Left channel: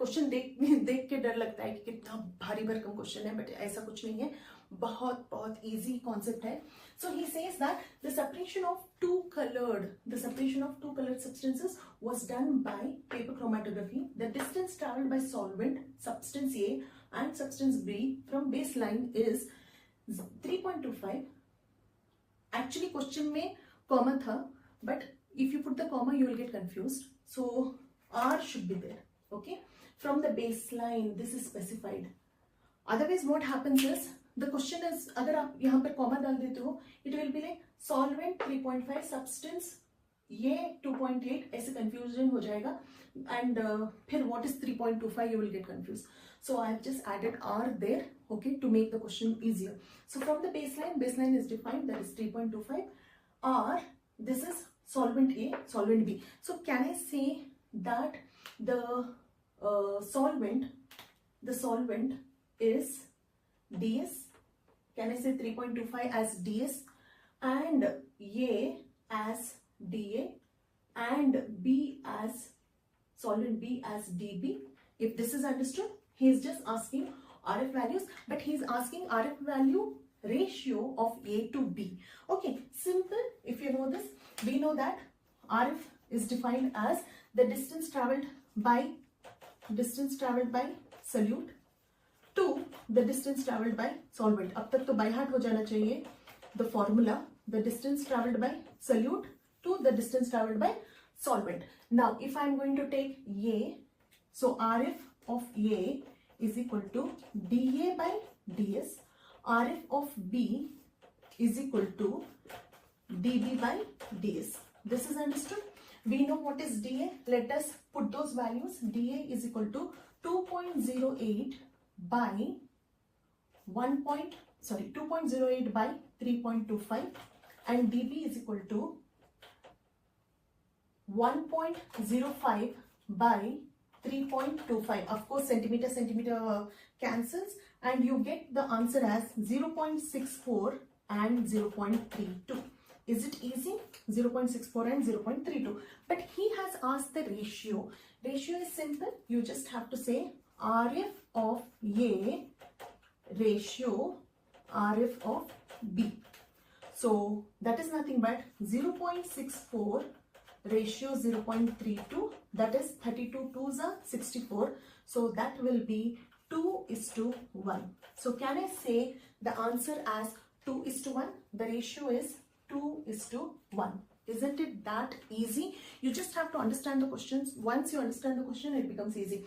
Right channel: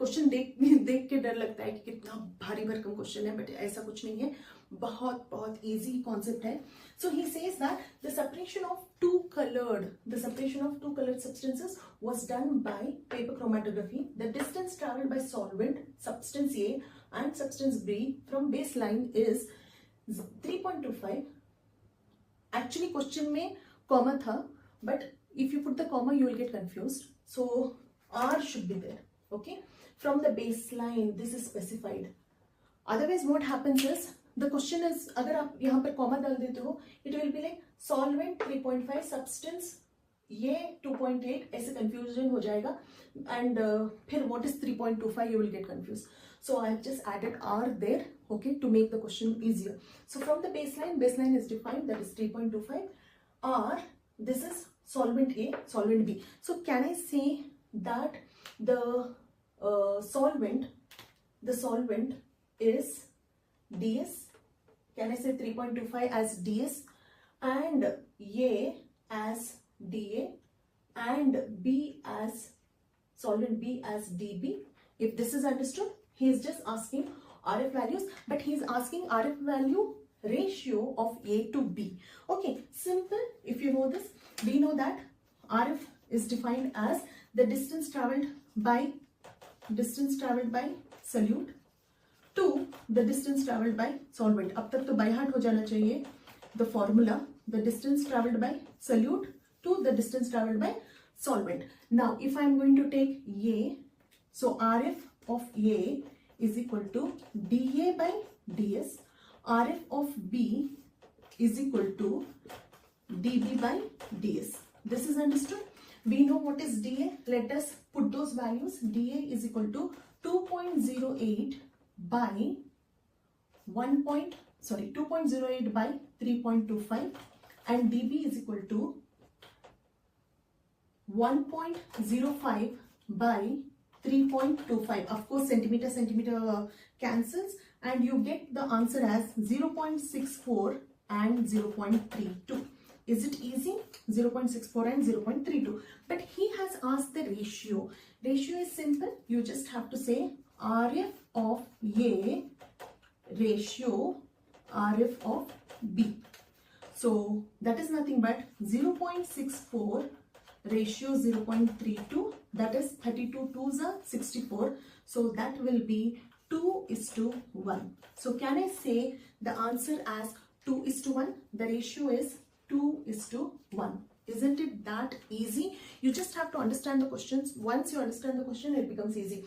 Question देख देख के डर लगता है कि कितना भारी भरकम क्वेश्चन है, बट ऐसा कुछ नहीं है, बहुत बहुत इजी कॉन्सेप्ट है. So he says that the separation of two coloured substances was done by paper chromatography. The distance traveled by solvent substance A and substance B from baseline is 3.25. Actually question में comma था, but if you put the comma you will get confused, so R should be there. Okay, from the baseline this is specified. Otherwise what happens is the question is, अगर आप यहाँ पर comma डाल देते हो, it will be like solvent 3.5 substance ये 2.8, ऐसे confusion हो जाएगा, and फिर what is 3.25 you will get confused. So I have just added R there, okay, to make the question easier. So from the baseline is defined, that is 3.25. R, this is solvent A, solvent B. So can I say that the solvent is DS? Can I say 3.25 as DS and A as DA and B as solvent B as DB? If this is understood, he is just asking RF values, but he is asking RF value ratio of A to B. Okay, simple. If you know this, we know that RF is defined as the distance traveled by solute to the distance traveled by solvent. अब तक तो by heart हो जाना चाहिए the formula, the distance traveled by solute to the distance traveled by solvent. Now if I am going to take A, so RF of A is equal to dA by ds. RF of B is equal to dB by ds. This is understood. We know what is dA. Let us put those values. dA is equal to 2.08 by 2.08 by 3.25, and dB is equal to 1.05 by 3.25. Of course, centimeter cancels, and you get the answer as 0.64 and 0.32. Is it easy? 0.64 and 0.32. But he has asked the ratio. Ratio is simple. You just have to say RF of A ratio RF of B. So that is nothing but 0.64 ratio 0.32, that is 32 2s are 64. So that will be 2:1. So can I say the answer as 2:1? The ratio is 2:1. Isn't it that easy? You just have to understand the questions. Once you understand the question, it becomes easy.